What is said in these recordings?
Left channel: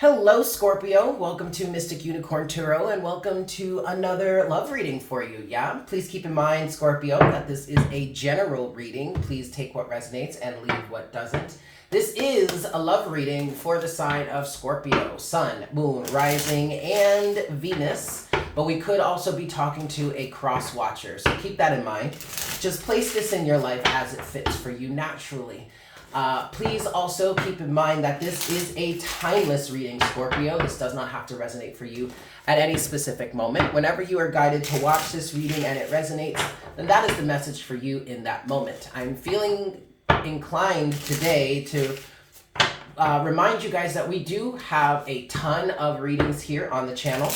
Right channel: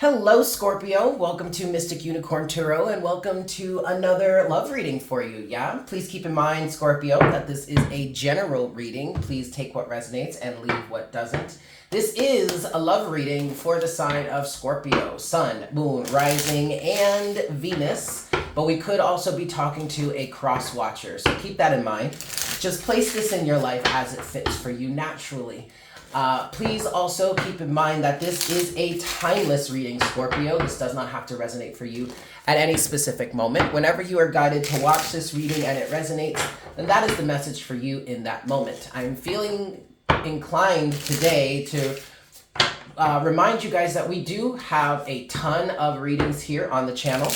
Hello, Scorpio. Welcome to Mystic Unicorn Tarot, and welcome to another love reading for you. Yeah, please keep in mind, Scorpio, that this is a general reading. Please take what resonates and leave what doesn't. This is a love reading for the sign of Scorpio, Sun, Moon, Rising, and Venus. But we could also be talking to a cross watcher, so keep that in mind. Just place this in your life as it fits for you naturally. Please also keep in mind that this is a timeless reading, Scorpio. This does not have to resonate for you at any specific moment. Whenever you are guided to watch this reading and it resonates, then that is the message for you in that moment. I'm feeling inclined today to remind you guys that we do have a ton of readings here on the channel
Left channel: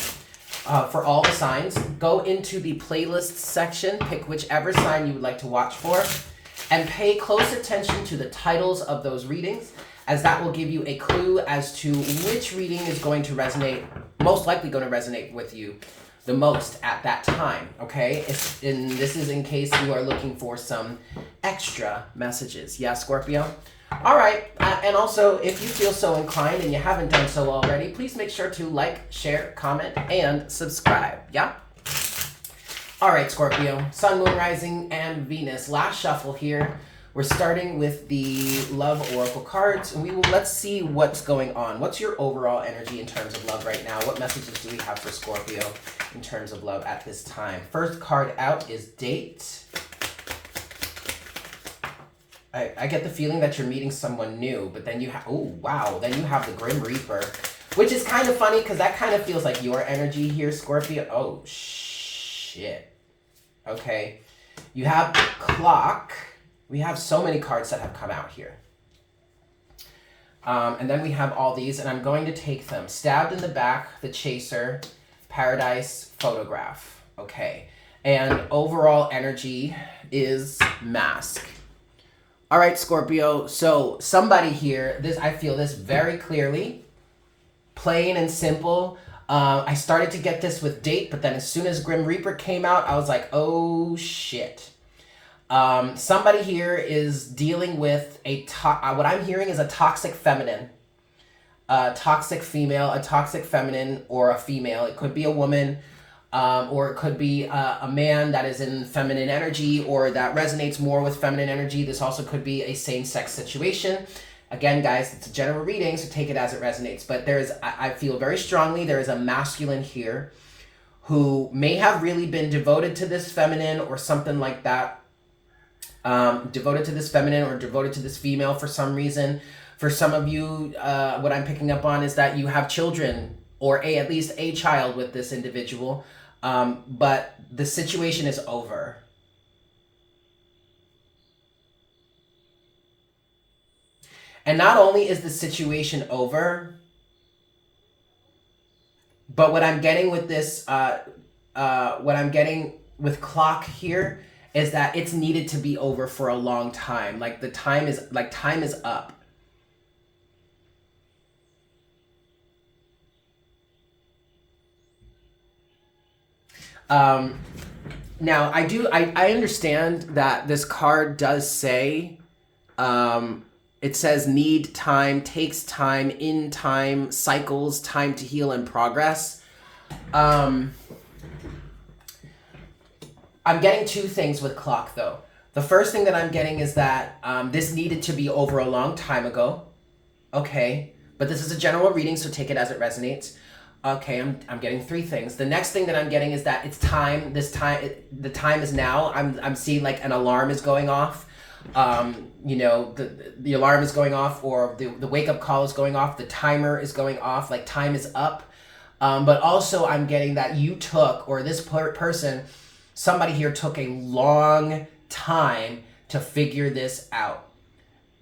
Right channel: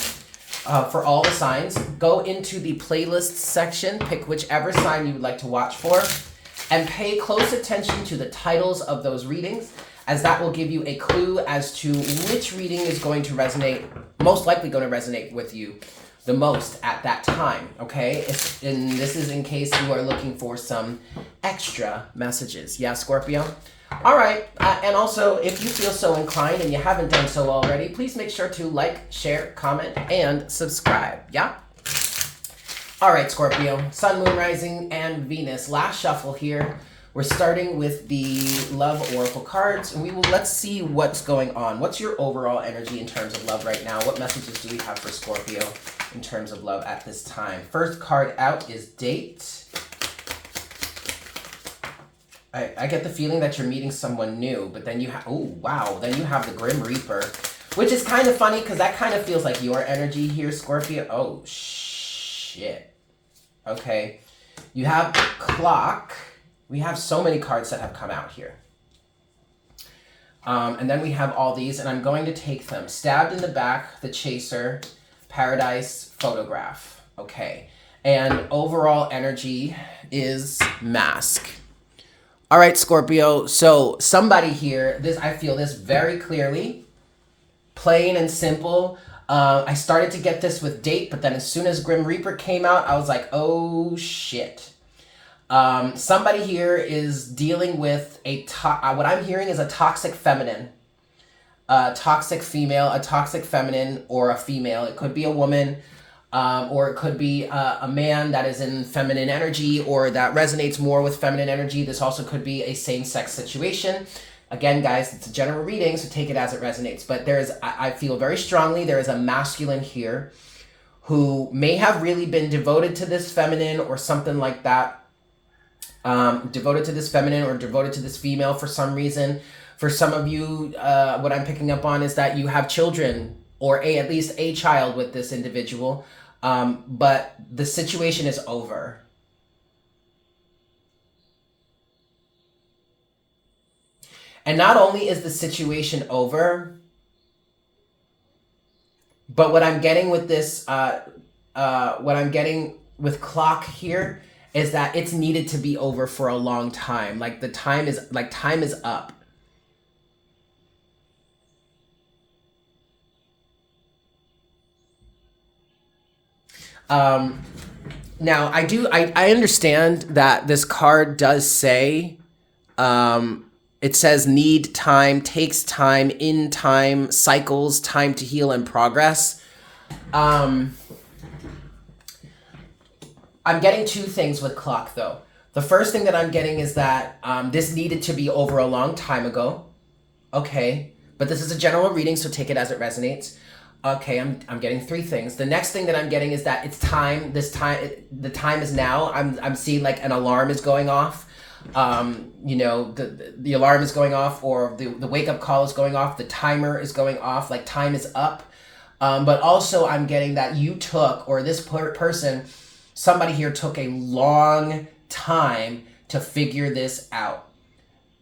for all the signs. Go into the playlists section, pick whichever sign you would like to watch for, and pay close attention to the titles of those readings, as that will give you a clue as to which reading is going to resonate, most likely going to resonate with you the most at that time, okay? And this is in case you are looking for some extra messages. Yeah, Scorpio? All right, and also, if you feel so inclined and you haven't done so already, please make sure to like, share, comment, and subscribe, yeah? All right, Scorpio, Sun, Moon, Rising, and Venus. Last shuffle here. We're starting with the Love Oracle cards, and let's see what's going on. What's your overall energy in terms of love right now? What messages do we have for Scorpio in terms of love at this time? First card out is Date. I get the feeling that you're meeting someone new, but then you have, oh, wow, then you have the Grim Reaper, which is kind of funny because that kind of feels like your energy here, Scorpio. Oh, shit. Okay, you have Clock. We have so many cards that have come out here. And then we have all these, and I'm going to take them. Stabbed in the Back, the Chaser, Paradise, Photograph. Okay, and overall energy is Mask. All right, Scorpio, so somebody here, I feel this very clearly, plain and simple. I started to get this with Date, but then as soon as Grim Reaper came out, I was like, oh shit. Somebody here is dealing with what I'm hearing is a toxic feminine, a toxic female, a toxic feminine, or a female. It could be a woman, or it could be a man that is in feminine energy or that resonates more with feminine energy. This also could be a same-sex situation. Again, guys, it's a general reading, so take it as it resonates. But I feel very strongly there is a masculine here who may have really been devoted to this feminine or something like that. Devoted to this feminine or devoted to this female for some reason. For some of you, what I'm picking up on is that you have children or at least a child with this individual. But the situation is over. And not only is the situation over, but what I'm getting with this, what I'm getting with Clock here is that it's needed to be over for a long time. Like time is up. Now I understand that this card does say, it says need time, takes time, in time, cycles, time to heal and progress. I'm getting two things with Clock though. The first thing that I'm getting is that this needed to be over a long time ago. Okay, but this is a general reading, so take it as it resonates. Okay, I'm getting three things. The next thing that I'm getting is that it's time. The time is now. I'm seeing like an alarm is going off. You know, the alarm is going off, or the wake up call is going off. The timer is going off. Like time is up. But also I'm getting that you took, or this person, somebody here took a long time to figure this out.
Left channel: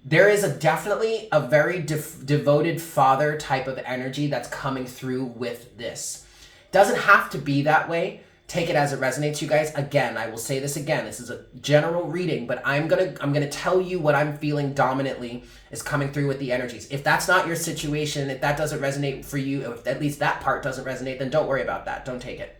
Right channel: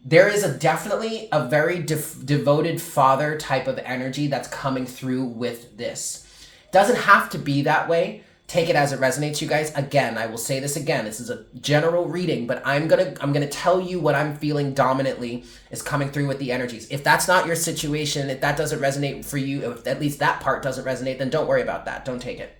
There is definitely a very devoted father type of energy that's coming through with this. Doesn't have to be that way. Take it as it resonates, you guys. Again, I will say this again. This is a general reading, but I'm gonna tell you what I'm feeling dominantly is coming through with the energies. If that's not your situation, if that doesn't resonate for you, if at least that part doesn't resonate, then don't worry about that. Don't take it.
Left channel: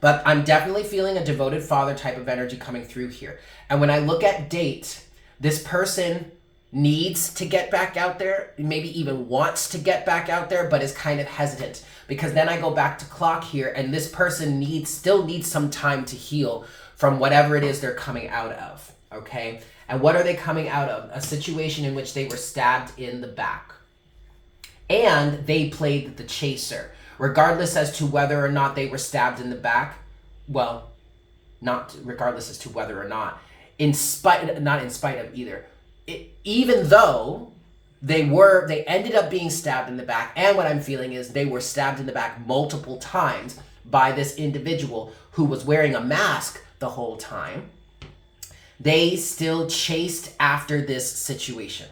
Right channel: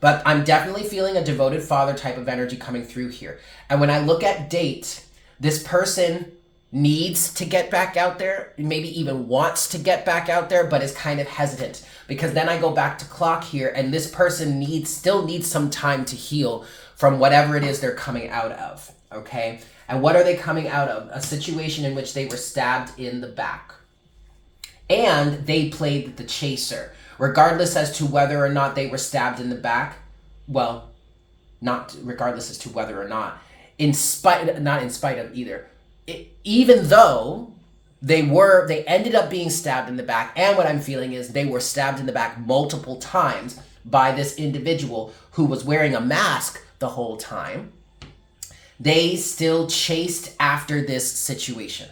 But I'm definitely feeling a devoted father type of energy coming through here. And when I look at Date, this person needs to get back out there, maybe even wants to get back out there, but is kind of hesitant. Because then I go back to clock here, and this person still needs some time to heal from whatever it is they're coming out of, okay? And what are they coming out of? A situation in which they were stabbed in the back. And they played the chaser, regardless as to whether or not they were stabbed in the back. Well, not regardless as to whether or not, not in spite of either. Even though they ended up being stabbed in the back, and what I'm feeling is they were stabbed in the back multiple times by this individual who was wearing a mask the whole time, they still chased after this situation.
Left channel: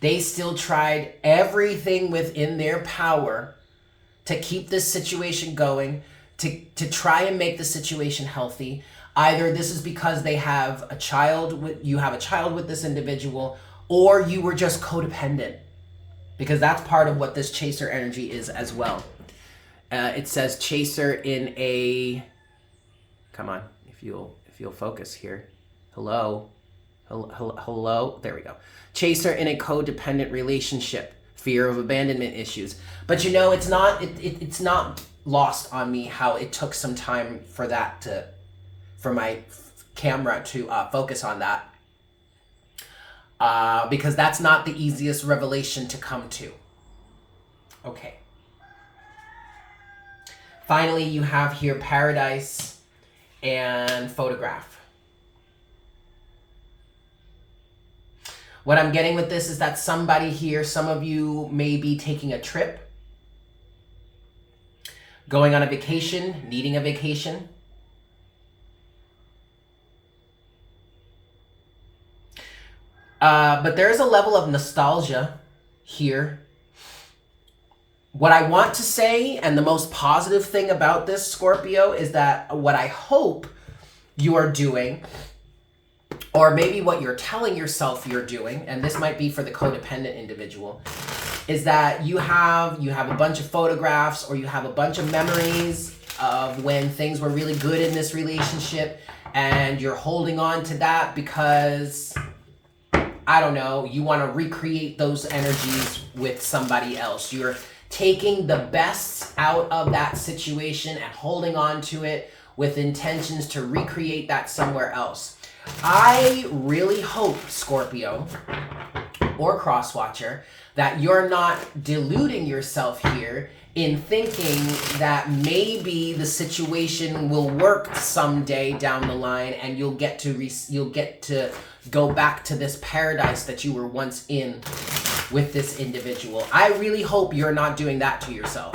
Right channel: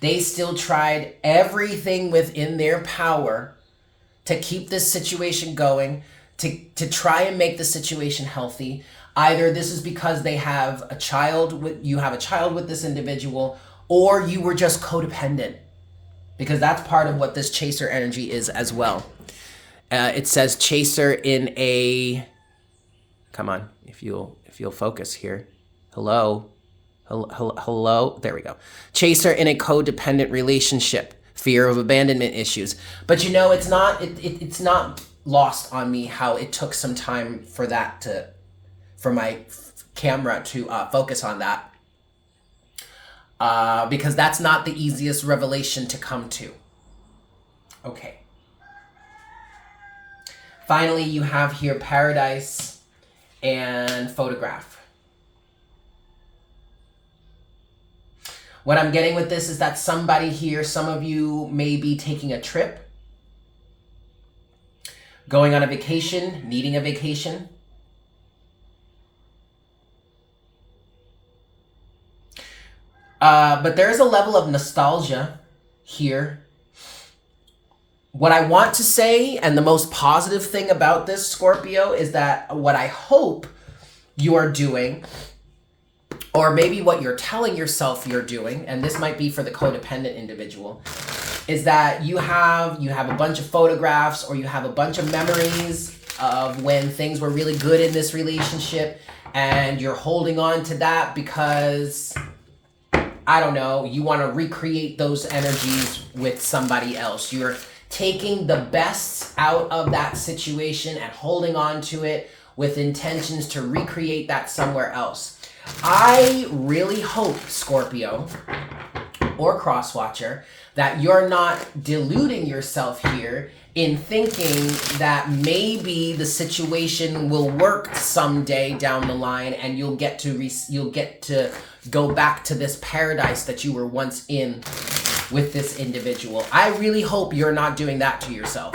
They still tried everything within their power to keep this situation going, to try and make the situation healthy. Either this is because you have a child with this individual, or you were just codependent, because that's part of what this chaser energy is as well. It says chaser in a, come on, if you'll focus here. Hello, there we go. Chaser in a codependent relationship, fear of abandonment issues. But it's not lost on me how it took some time for my camera to focus on that, because that's not the easiest revelation to come to. Okay. Finally, you have here paradise and photograph. What I'm getting with this is that somebody here, some of you may be taking a trip, going on a vacation, needing a vacation. But there is a level of nostalgia here. What I want to say, and the most positive thing about this, Scorpio, is that what I hope you are doing, or maybe what you're telling yourself you're doing, and this might be for the codependent individual, is that you have a bunch of photographs, or you have a bunch of memories of when things were really good in this relationship, and you're holding on to that because, I don't know, you want to recreate those energies with somebody else. You're taking the best out of that situation and holding on to it with intentions to recreate that somewhere else. I really hope, Scorpio or Crosswatcher, that you're not deluding yourself here in thinking that maybe the situation will work someday down the line, and you'll get to go back to this paradise that you were once in with this individual. I really hope you're not doing that to yourself,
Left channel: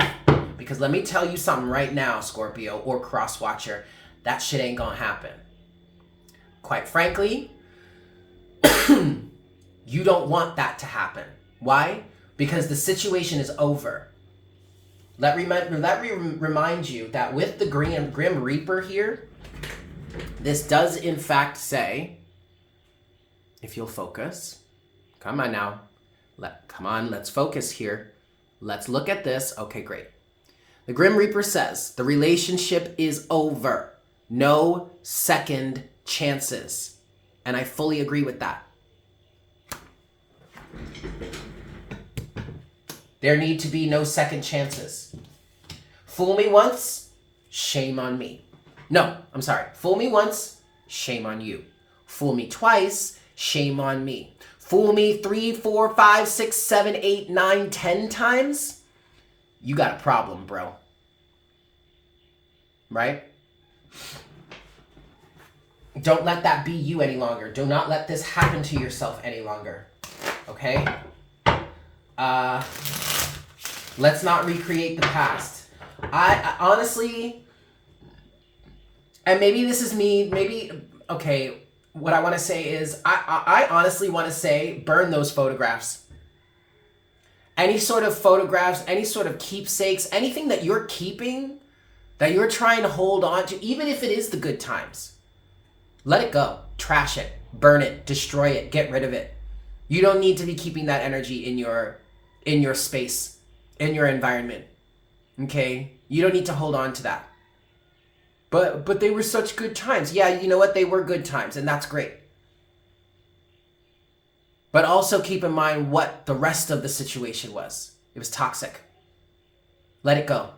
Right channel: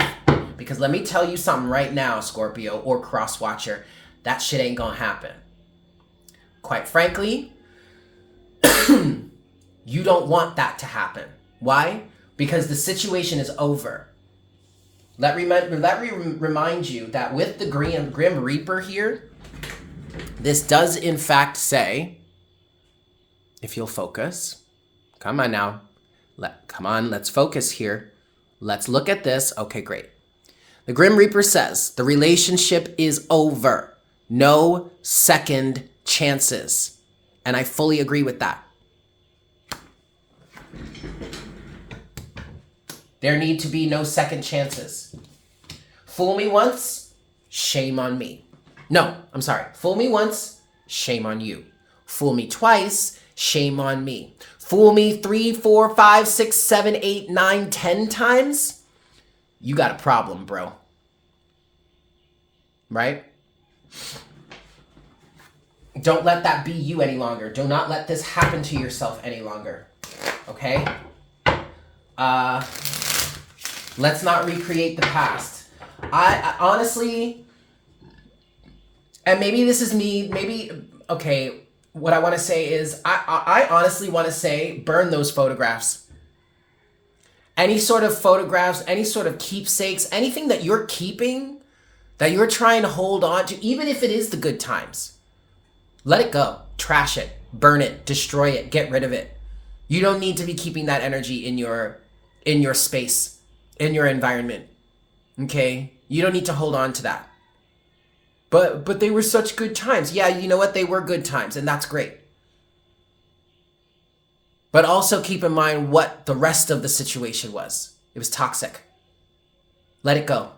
because let me tell you something right now, Scorpio or Crosswatcher, that shit ain't gonna happen. Quite frankly, you don't want that to happen. Why? Because the situation is over. Let me remind you that with the Grim Reaper here, this does in fact say, if you'll focus, come on now, let's focus here. Let's look at this. Okay, great. The Grim Reaper says, the relationship is over. No second chances. And I fully agree with that. There need to be no second chances. Fool me once, shame on me. No, I'm sorry. Fool me once, shame on you. Fool me twice, shame on me. Fool me 3, 4, 5, 6, 7, 8, 9, 10 times, you got a problem, bro. Right? Don't let that be you any longer. Do not let this happen to yourself any longer. Okay? Let's not recreate the past. I honestly, and maybe this is me, okay, what I want to say is, I honestly want to say, burn those photographs. Any sort of photographs, any sort of keepsakes, anything that you're keeping, that you're trying to hold on to, even if it is the good times. Let it go. Trash it. Burn it. Destroy it. Get rid of it. You don't need to be keeping that energy in your space, in your environment. Okay? You don't need to hold on to that. But they were such good times. Yeah, you know what? They were good times, and that's great. But also keep in mind what the rest of the situation was. It was toxic. Let it go.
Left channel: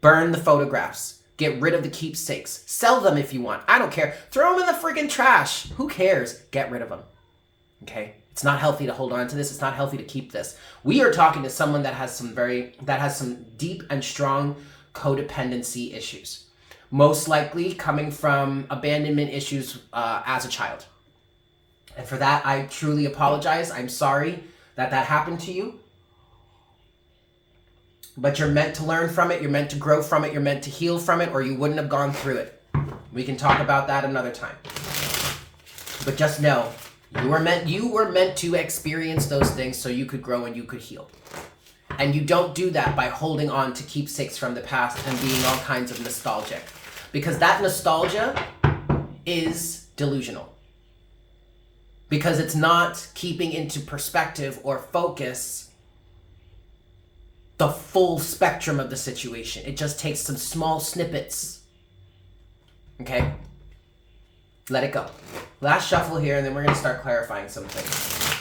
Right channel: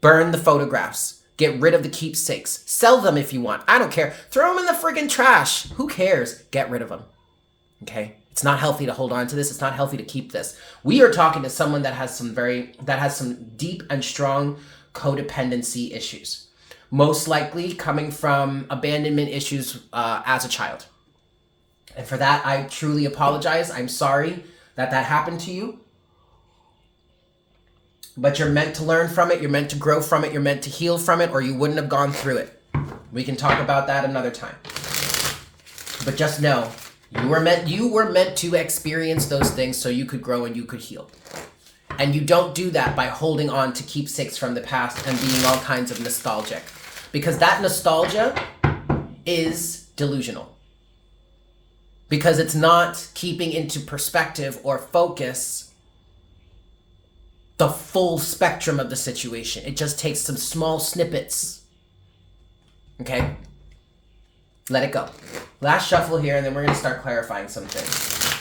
Burn the photographs. Get rid of the keepsakes. Sell them if you want. I don't care. Throw them in the friggin' trash. Who cares? Get rid of them. Okay? It's not healthy to hold on to this. It's not healthy to keep this. We are talking to someone that has some deep and strong codependency issues. Most likely coming from abandonment issues as a child. And for that, I truly apologize. I'm sorry that happened to you. But you're meant to learn from it. You're meant to grow from it. You're meant to heal from it, or you wouldn't have gone through it. We can talk about that another time. But just know, you were meant to experience those things so you could grow and you could heal. And you don't do that by holding on to keepsakes from the past and being all kinds of nostalgic. Because that nostalgia is delusional. Because it's not keeping into perspective or focus the full spectrum of the situation. It just takes some small snippets. Okay? Let it go. Last shuffle here, and then we're going to start clarifying some things.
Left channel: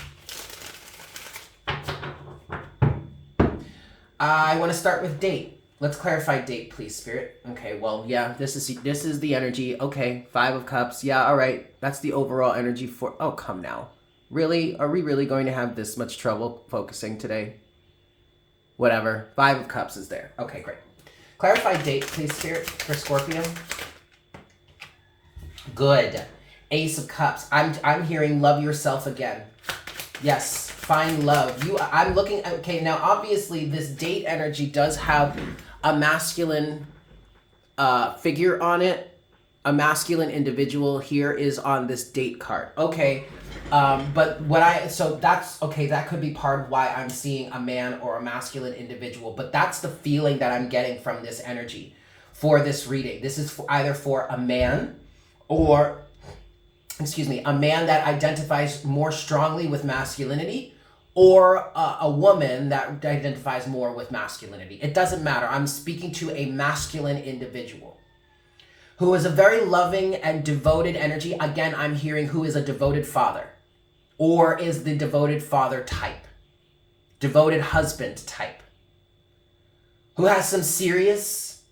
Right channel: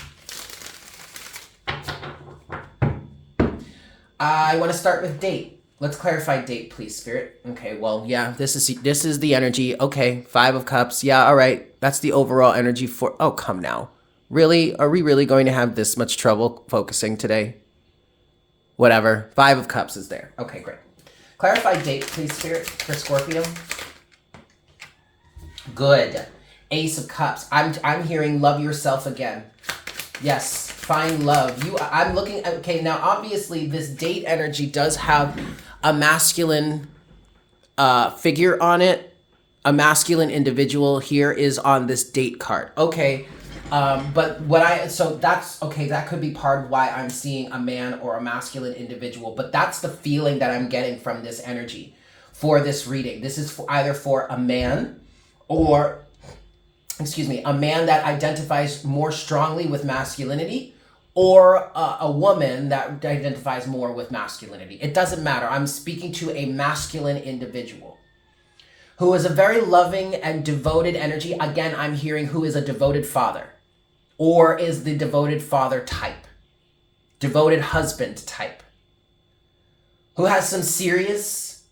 I want to start with date. Let's clarify date, please, Spirit. Okay, well, yeah, this is the energy. Okay, 5 of Cups. Yeah, all right. That's the overall energy for... Oh, come now. Really? Are we really going to have this much trouble focusing today? Whatever. 5 of Cups is there. Okay, great. Clarify date, please, Spirit, for Scorpio. Good. Ace of Cups. I'm hearing love yourself again. Yes, find love. I'm looking... Okay, now, obviously, this date energy does have a masculine figure on it. A masculine individual here is on this date card. Okay, so that's okay. That could be part of why I'm seeing a man or a masculine individual. But that's the feeling that I'm getting from this energy for this reading. This is either for a man or, a man that identifies more strongly with masculinity, or a woman that identifies more with masculinity. It doesn't matter. I'm speaking to a masculine individual who is a very loving and devoted energy. Again, I'm hearing who is a devoted father, or is the devoted father type, devoted husband type, who has some serious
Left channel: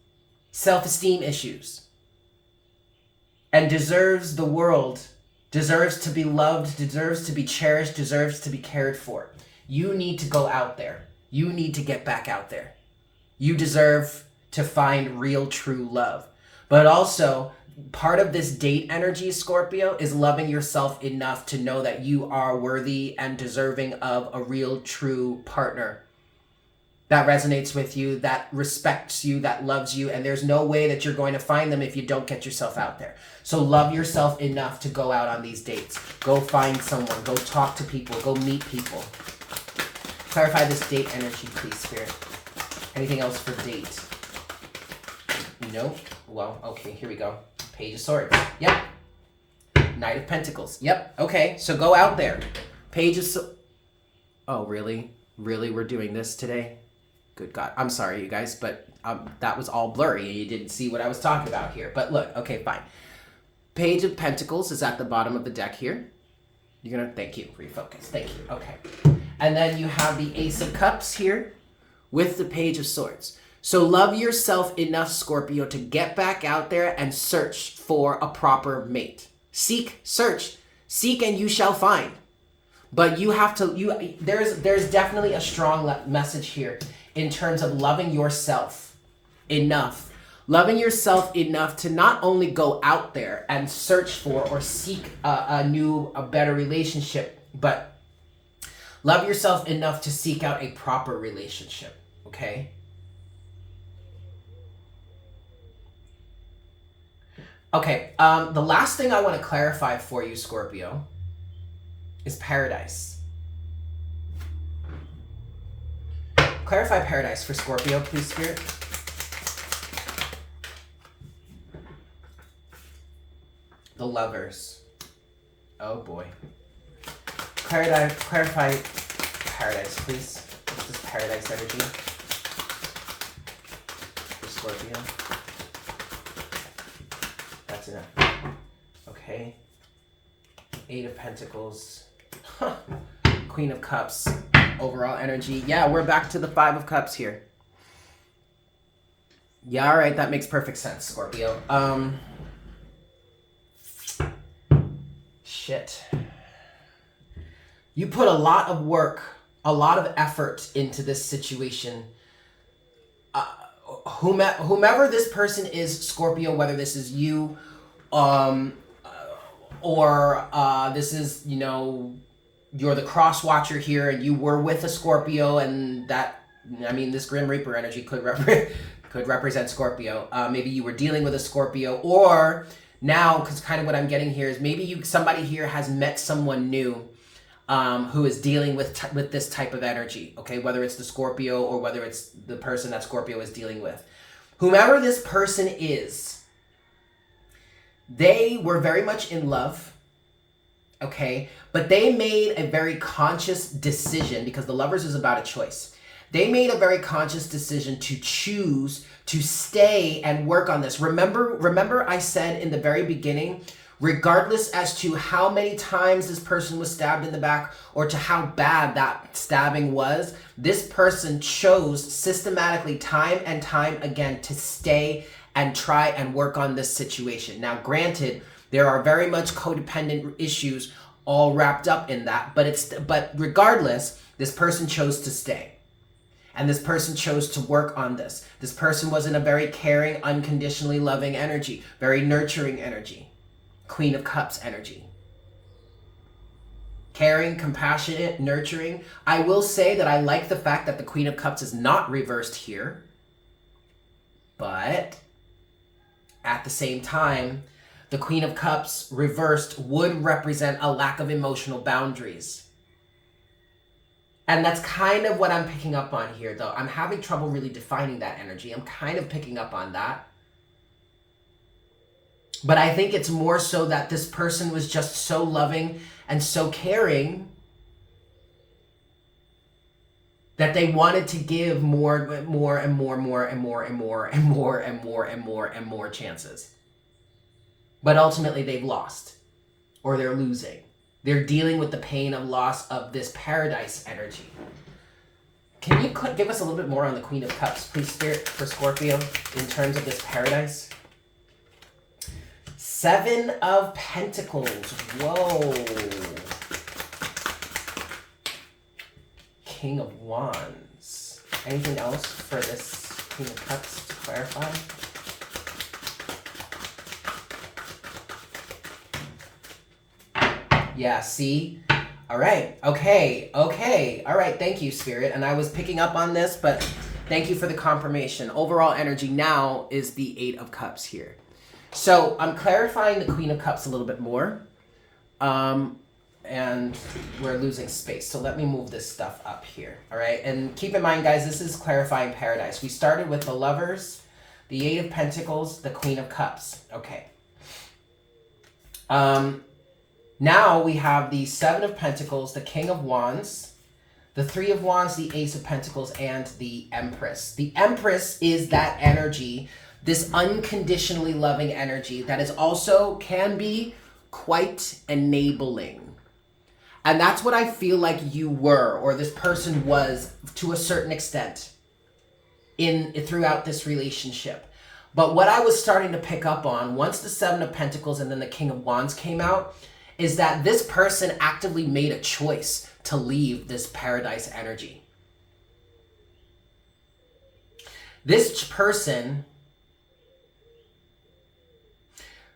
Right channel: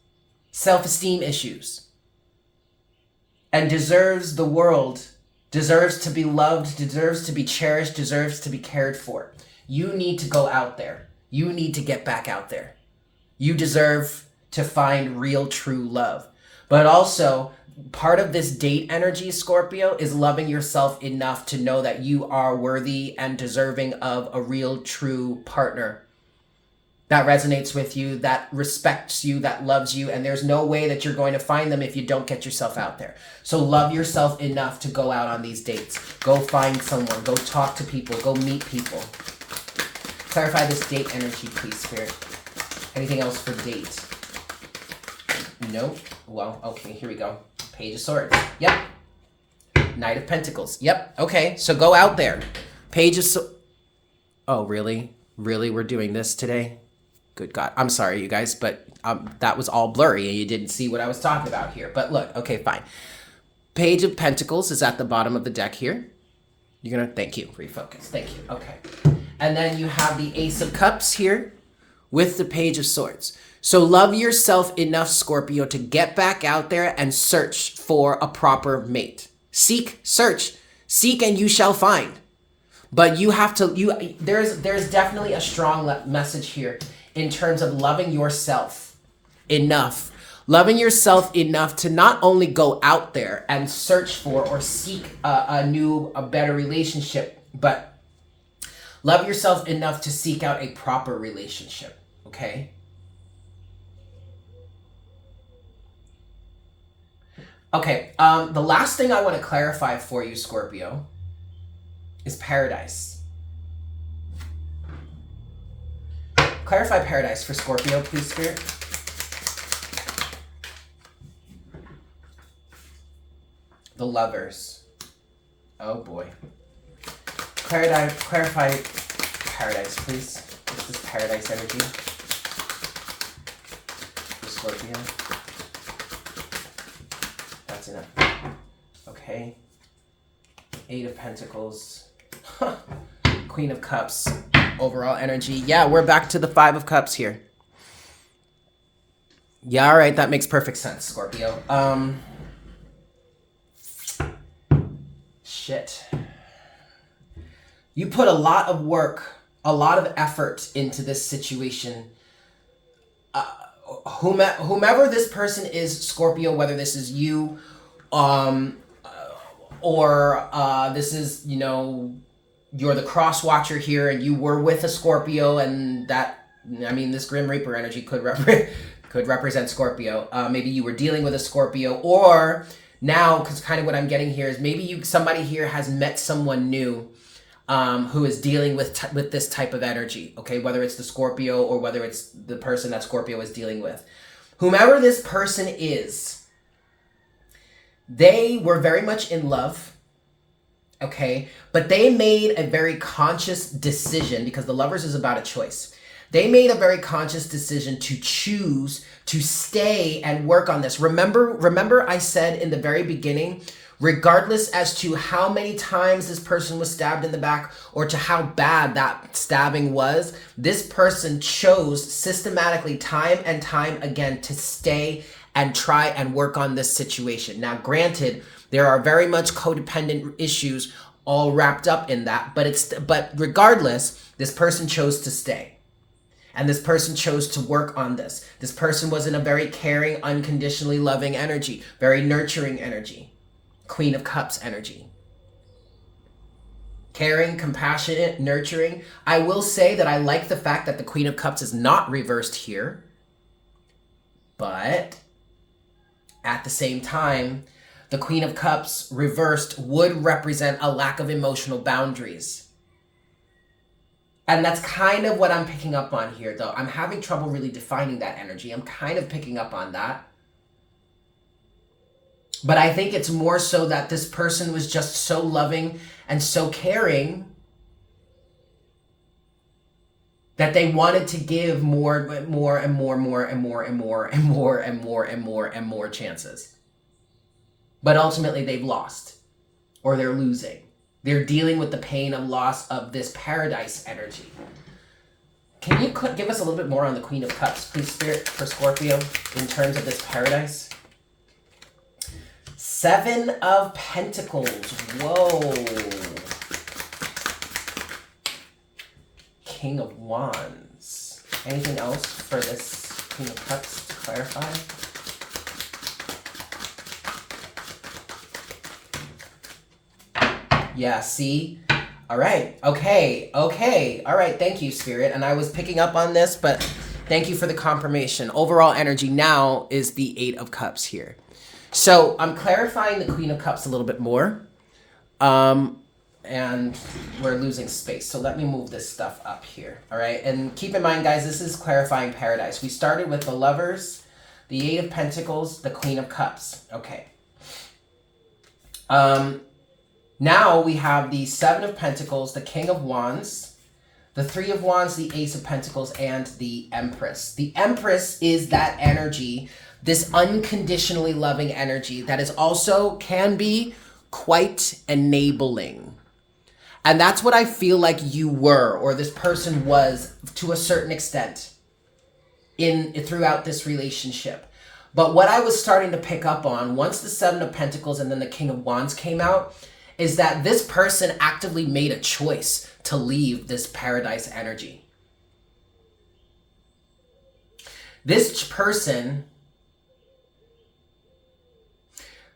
self-esteem issues and deserves the world, deserves to be loved, deserves to be cherished, deserves to be cared for. You need to go out there. You need to get back out there. You deserve to find real, true love. But also, part of this date energy, Scorpio, is loving yourself enough to know that you are worthy and deserving of a real, true partner that resonates with you, that respects you, that loves you, and there's no way that you're going to find them if you don't get yourself out there. So love yourself enough to go out on these dates. Go find someone. Go talk to people. Go meet people. Clarify this date energy, please, Spirit. Anything else for date? No? Well, okay, here we go. Page of Swords. Yep. Knight of Pentacles. Yep. Okay, so go out there. Page of Swords. Oh, really? Really? We're doing this today? Good God. I'm sorry, you guys, but that was all blurry and you didn't see what I was talking about here. But look, okay, fine. Page of Pentacles is at the bottom of the deck here. You're going to... Thank you. Refocus. Thank you. Okay. And then you have the Ace of Cups here with the Page of Swords. So love yourself enough, Scorpio, to get back out there and search for a proper mate. Seek, search, seek, and you shall find. But you have to, there's definitely a strong message here in terms of loving yourself enough. Loving yourself enough to not only go out there and search for or seek a better relationship, but love yourself enough to seek out a proper relationship, okay? Okay, the last thing I want to clarify for you, Scorpio, is paradise. Clarify paradise for Scorpio, please, Spirit. The Lovers. Oh, boy. Clarify paradise, please. What's this paradise energy for Scorpio? That's enough. Okay. 8 of Pentacles. Queen of Cups, overall energy. Yeah, we're back to the Five of Cups here. Yeah, all right, that makes perfect sense, Scorpio. Shit. You put a lot of work, a lot of effort into this situation. Whomever this person is, Scorpio, whether this is you, or this is, you know, you're the cross watcher here and you were with a Scorpio, and that, I mean, this Grim Reaper energy could represent Scorpio. Maybe you were dealing with a Scorpio, or now, because kind of what I'm getting here is maybe somebody here has met someone new who is dealing with this type of energy, okay? Whether it's the Scorpio or whether it's the person that Scorpio is dealing with. Whomever this person is, they were very much in love, okay? But they made a very conscious decision, because the Lovers is about a choice. They made a very conscious decision to choose to stay and work on this. Remember I said in the very beginning, regardless as to how many times this person was stabbed in the back or to how bad that stabbing was, this person chose systematically time and time again to stay and try and work on this situation. Now, granted, there are very much codependent issues all wrapped up in that, but regardless, this person chose to stay. And this person chose to work on this. This person was in a very caring, unconditionally loving energy, very nurturing energy. Queen of Cups energy. Caring, compassionate, nurturing. I will say that I like the fact that the Queen of Cups is not reversed here. But at the same time, the Queen of Cups reversed would represent a lack of emotional boundaries. And that's kind of what I'm picking up on here, though. I'm having trouble really defining that energy. I'm kind of picking up on that. But I think it's more so that this person was just so loving and so caring that they wanted to give more chances. But ultimately they've lost, or they're losing. They're dealing with the pain of loss of this Paradise energy. Can you give us a little bit more on the Queen of Cups, please, Spirit, for Scorpio, in terms of this Paradise? Seven of Pentacles. Whoa. King of Wands. Anything else for this Queen of Cups to clarify? Yeah, see? All right. Okay. All right. Thank you, Spirit. And I was picking up on this, but thank you for the confirmation. Overall energy now is the Eight of Cups here. So I'm clarifying the Queen of Cups a little bit more. And we're losing space. So let me move this stuff up here. All right. And keep in mind, guys, this is clarifying Paradise. We started with the Lovers, the Eight of Pentacles, the Queen of Cups. Okay. Now we have the Seven of Pentacles, the King of Wands, the Three of Wands, the Ace of Pentacles, and the Empress. The Empress is that energy, this unconditionally loving energy that is also can be quite enabling. And that's what I feel like you were, or this person was to a certain extent throughout this relationship. But what I was starting to pick up on once the Seven of Pentacles and then the King of Wands came out is that this person actively made a choice to leave this Paradise energy. This person,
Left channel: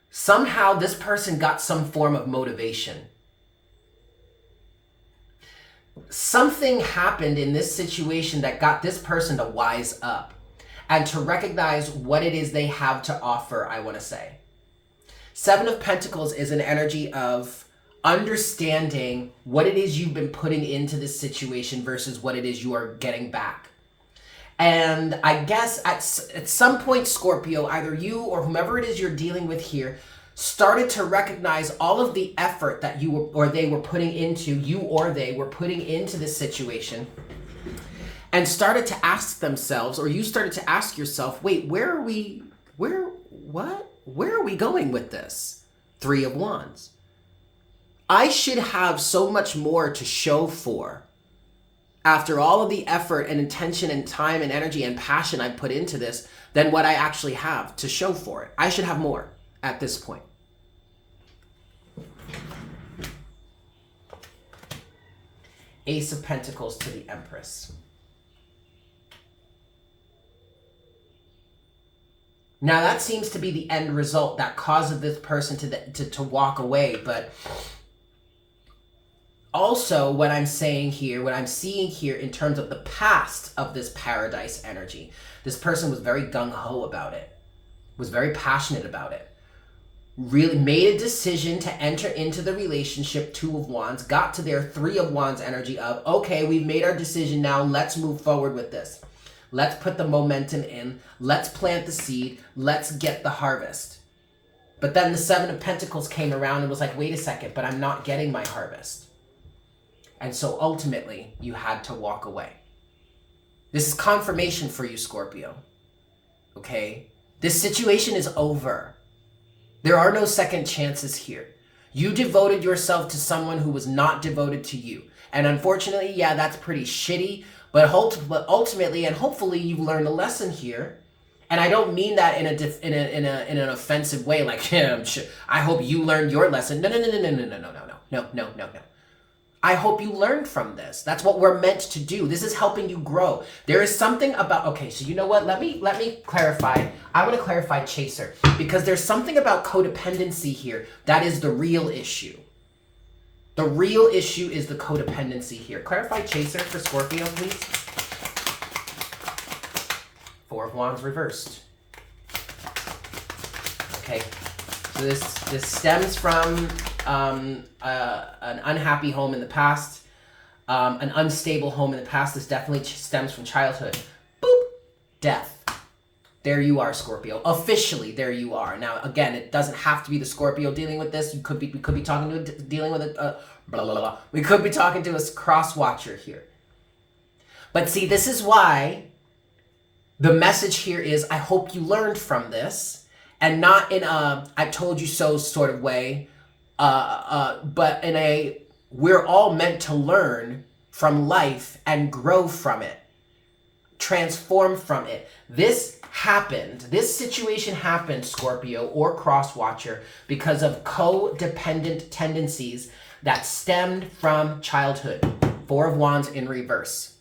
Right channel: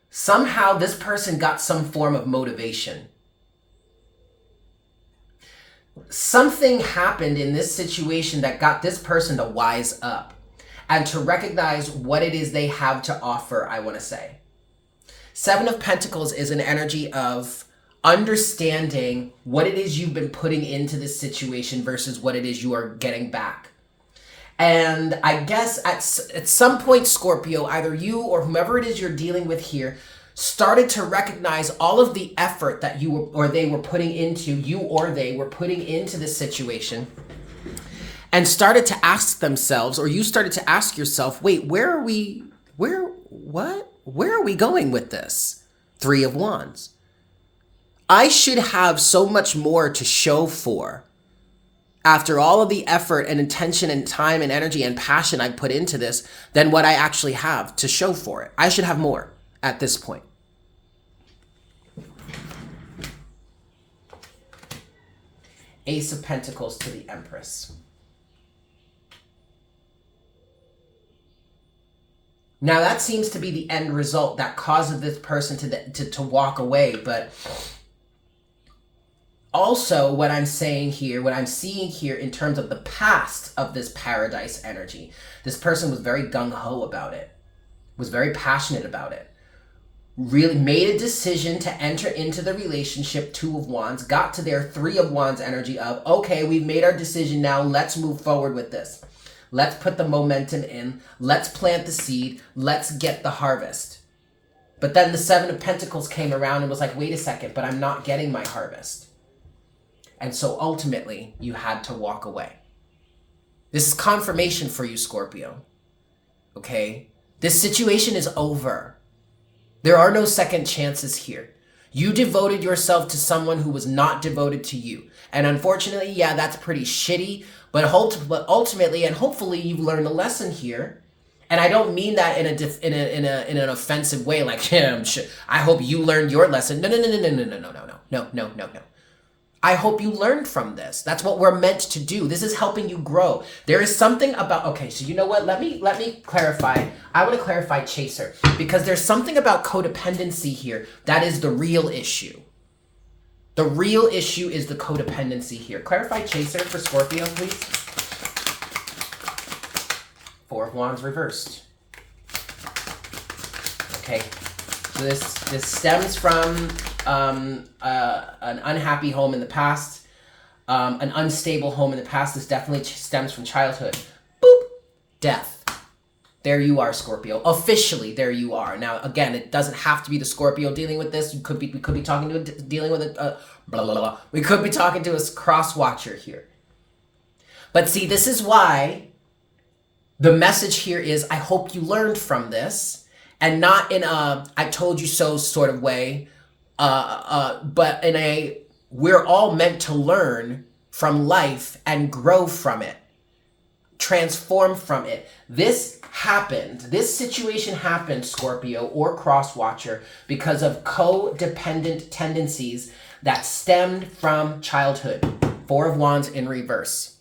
somehow this person got some form of motivation. Something happened in this situation that got this person to wise up and to recognize what it is they have to offer, I want to say. Seven of Pentacles is an energy of understanding what it is you've been putting into this situation versus what it is you are getting back. And I guess at some point, Scorpio, either you or whomever it is you're dealing with here started to recognize all of the effort that they were putting into this situation, and started to ask themselves, or you started to ask yourself, wait, where are we going with this? Three of Wands. I should have so much more to show for after all of the effort and intention and time and energy and passion I put into this than what I actually have to show for it. I should have more at this point. Ace of Pentacles to the Empress. Now that seems to be the end result that causes this person to walk away, but also what I'm saying here, what I'm seeing here in terms of the past of this Paradise energy, this person was very gung-ho about it, was very passionate about it, really made a decision to enter into the relationship, Two of Wands, got to their Three of Wands energy of, okay, we've made our decision now, let's move forward with this. Let's put the momentum in. Let's plant the seed. Let's get the harvest. But then the Seven of Pentacles came around and was like, wait a second, but I'm not getting my harvest. And so ultimately, you had to walk away. This is confirmation for you, Scorpio. Okay? This situation is over. There are no second chances here. You devoted yourself to someone who was not devoted to you. And unfortunately, yeah, that's pretty shitty. But ultimately and hopefully you've learned a lesson here. And I don't mean that in an offensive way, like, yeah, I hope you learned your lesson. No. I hope you learned from this. That's what we're meant to do. This is helping you grow. There is something about, okay, so you know what? Let me clarify. I want to clarify Chaser, because there's something about codependency here that is the real issue. The real issue is the codependency here. Clarify Chaser for Scorpio, please. Four of Wands reversed. Okay, so this stems from an unhappy home in the past, an unstable home in the past. This definitely stems from childhood. Boop, death. There you are, Scorpio. Officially, there you are. Now, again, it doesn't have to be the Scorpio dealing with this. We could be talking to dealing with it. We could be talking to a cross watcher here. But see, this is why the message here is, I hope you learned from this, and not in a I told you so sort of way, but in a we're all meant to learn from life and grow from it, transform from it. This situation happened, Scorpio or cross-watcher, because of codependent tendencies that stemmed from childhood. Four of Wands in reverse.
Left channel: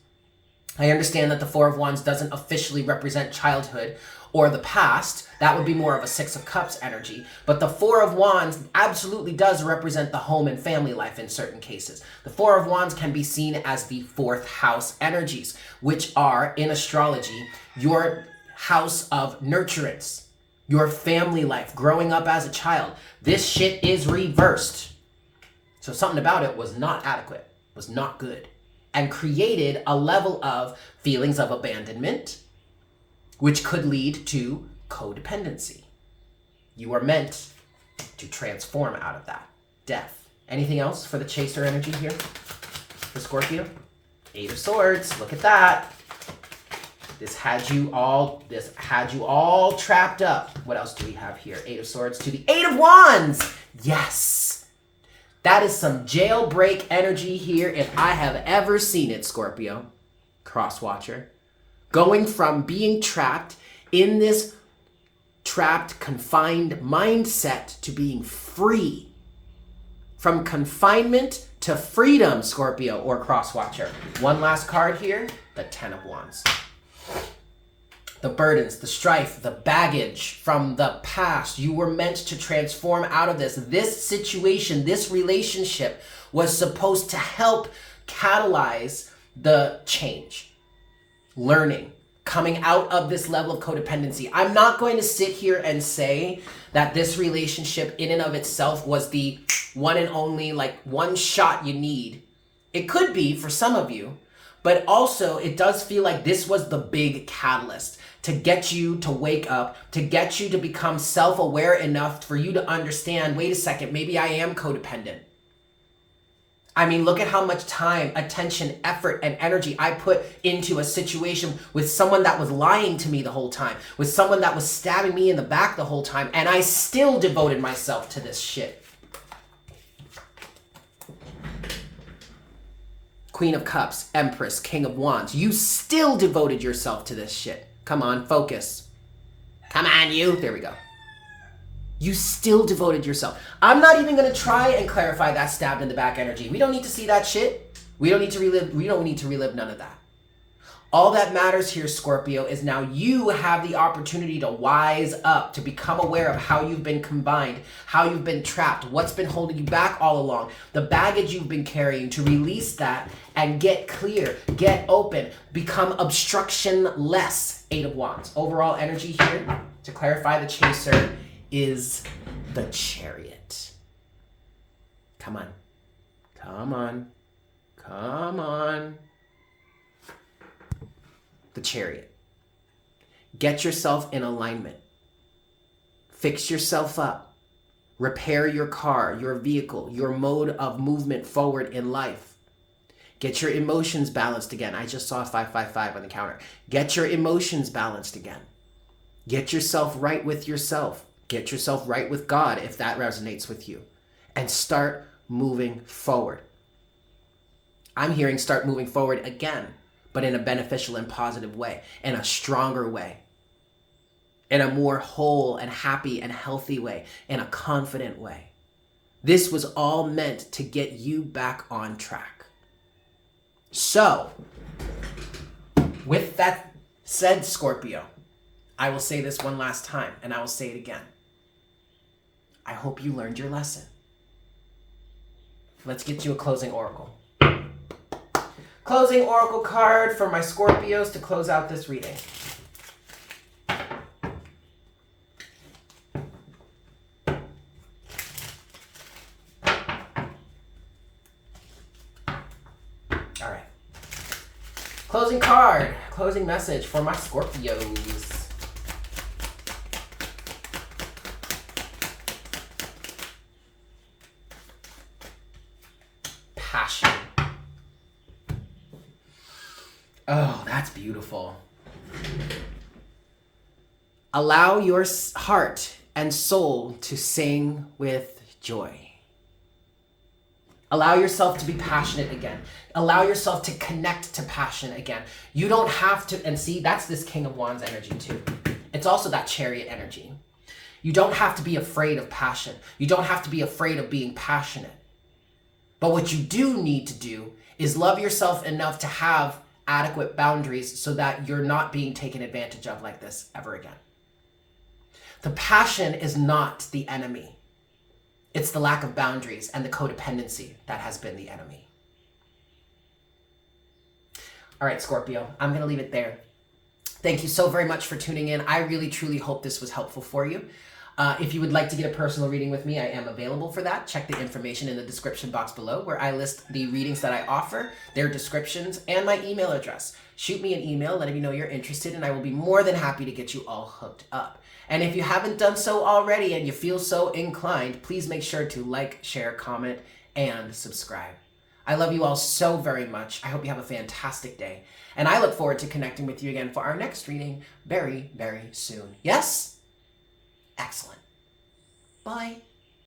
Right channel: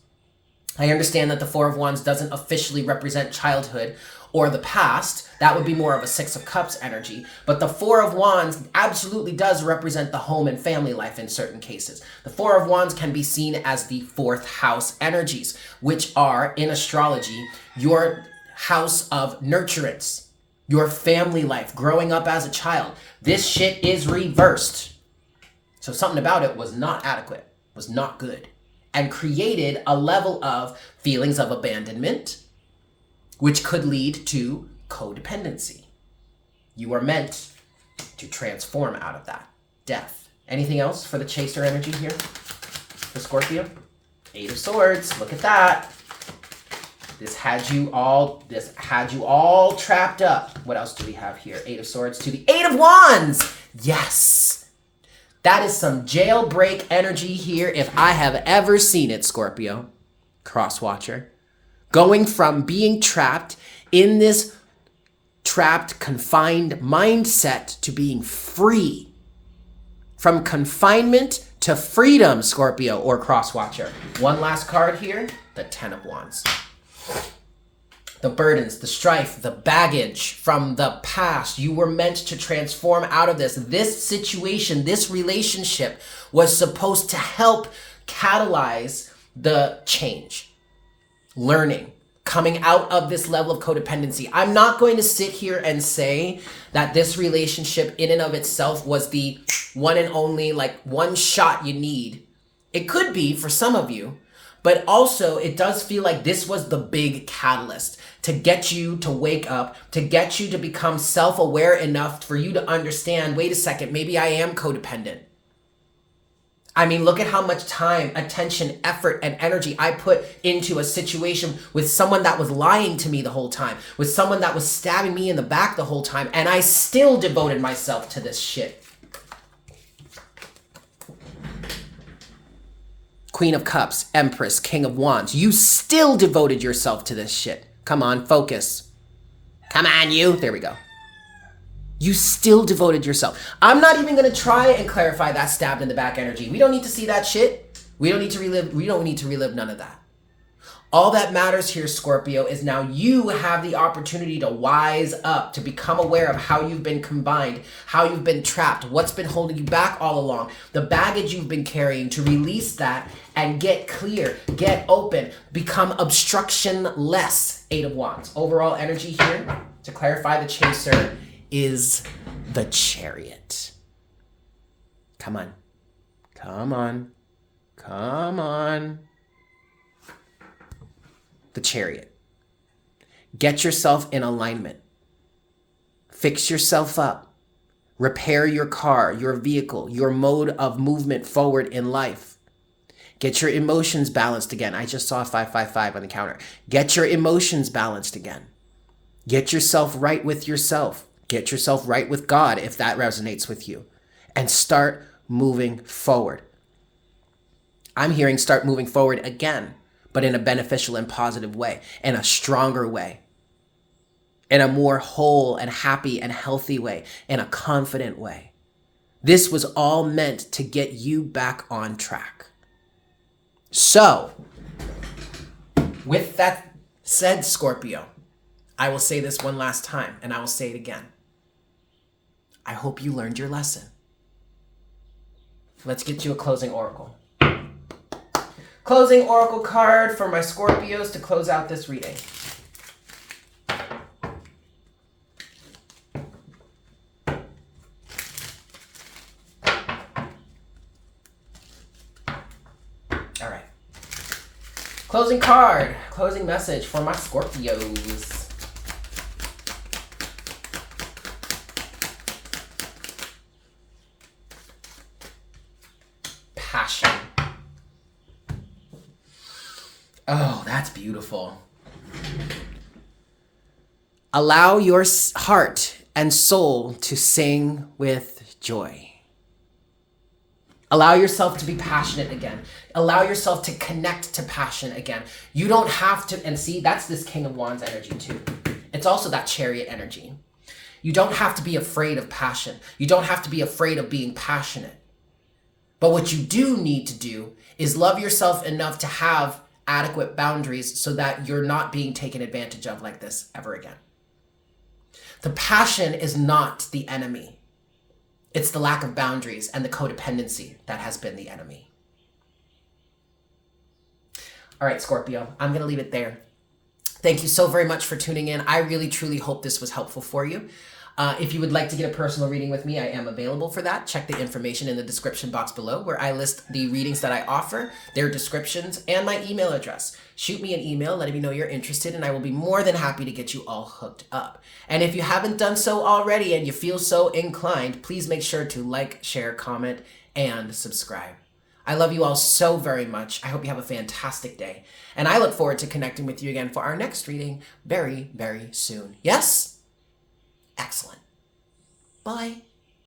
I understand that the Four of Wands doesn't officially represent childhood or the past. That would be more of a Six of Cups energy. But the Four of Wands absolutely does represent the home and family life in certain cases. The Four of Wands can be seen as the fourth house energies, which are, in astrology, your house of nurturance, your family life, growing up as a child. This shit is reversed. So something about it was not adequate, was not good, and created a level of feelings of abandonment, which could lead to codependency. You are meant to transform out of that. Death. Anything else for the Chaser energy here for Scorpio? Eight of Swords. Look at that. This had you all trapped up. What else do we have here? Eight of Swords to the Eight of Wands. Yes. That is some jailbreak energy here if I have ever seen it, Scorpio. Crosswatcher. Going from being trapped in this trapped, confined mindset to being free. From confinement to freedom, Scorpio or Crosswatcher. One last card here, the Ten of Wands. The burdens, the strife, the baggage from the past. You were meant to transform out of this. This situation, this relationship was supposed to help catalyze the change. Learning, coming out of this level of codependency. I'm not going to sit here and say that this relationship in and of itself was the one and only, like, one shot you need. It could be for some of you, but also it does feel like this was the big catalyst to get you to wake up, to get you to become self-aware enough for you to understand, wait a second, maybe I am codependent. I mean, look at how much time, attention, effort, and energy I put into a situation with someone that was lying to me the whole time, with someone that was stabbing me in the back the whole time, and I still devoted myself to this shit. Queen of Cups, Empress, King of Wands. You still devoted yourself to this shit. Come on, focus. Come on, you. There we go. You still devoted yourself. I'm not even going to try and clarify that stabbed in the back energy. We don't need to see that shit. We don't need to relive none of that. All that matters here, Scorpio, is now you have the opportunity to wise up, to become aware of how you've been combined, how you've been trapped, what's been holding you back all along, the baggage you've been carrying, to release that and get clear, get open, become obstruction-less. Eight of Wands. Overall energy here, to clarify the chaser, is the Chariot. Come on. Come on. Come on. The Chariot. Get yourself in alignment. Fix yourself up. Repair your car, your vehicle, your mode of movement forward in life. Get your emotions balanced again. I just saw 555 on the counter. Get your emotions balanced again. Get yourself right with yourself. Get yourself right with God if that resonates with you. And start moving forward. I'm hearing start moving forward again, but in a beneficial and positive way, in a stronger way, in a more whole and happy and healthy way, in a confident way. This was all meant to get you back on track. So, with that said, Scorpio, I will say this one last time, and I will say it again. I hope you learned your lesson. Let's get you a closing oracle. Closing oracle card for my Scorpios to close out this reading. All right. Closing card, closing message for my Scorpios. Passion. Oh, that's beautiful. Allow your heart and soul to sing with joy. Allow yourself to be passionate again. Allow yourself to connect to passion again. You don't have to, and see, that's this King of Wands energy too. It's also that Chariot energy. You don't have to be afraid of passion. You don't have to be afraid of being passionate. But what you do need to do is love yourself enough to have adequate boundaries so that you're not being taken advantage of like this ever again. The passion is not the enemy. It's the lack of boundaries and the codependency that has been the enemy. All right, Scorpio, I'm going to leave it there. Thank you so very much for tuning in. I really, truly hope this was helpful for you. If you would like to get a personal reading with me, I am available for that. Check the information in the description box below where I list the readings that I offer, their descriptions, and my email address. Shoot me an email letting me know you're interested, and I will be more than happy to get you all hooked up. And if you haven't done so already and you feel so inclined, please make sure to like, share, comment, and subscribe. I love you all so very much. I hope you have a fantastic day. And I look forward to connecting with you again for our next reading very, very soon. Yes? Excellent. Bye.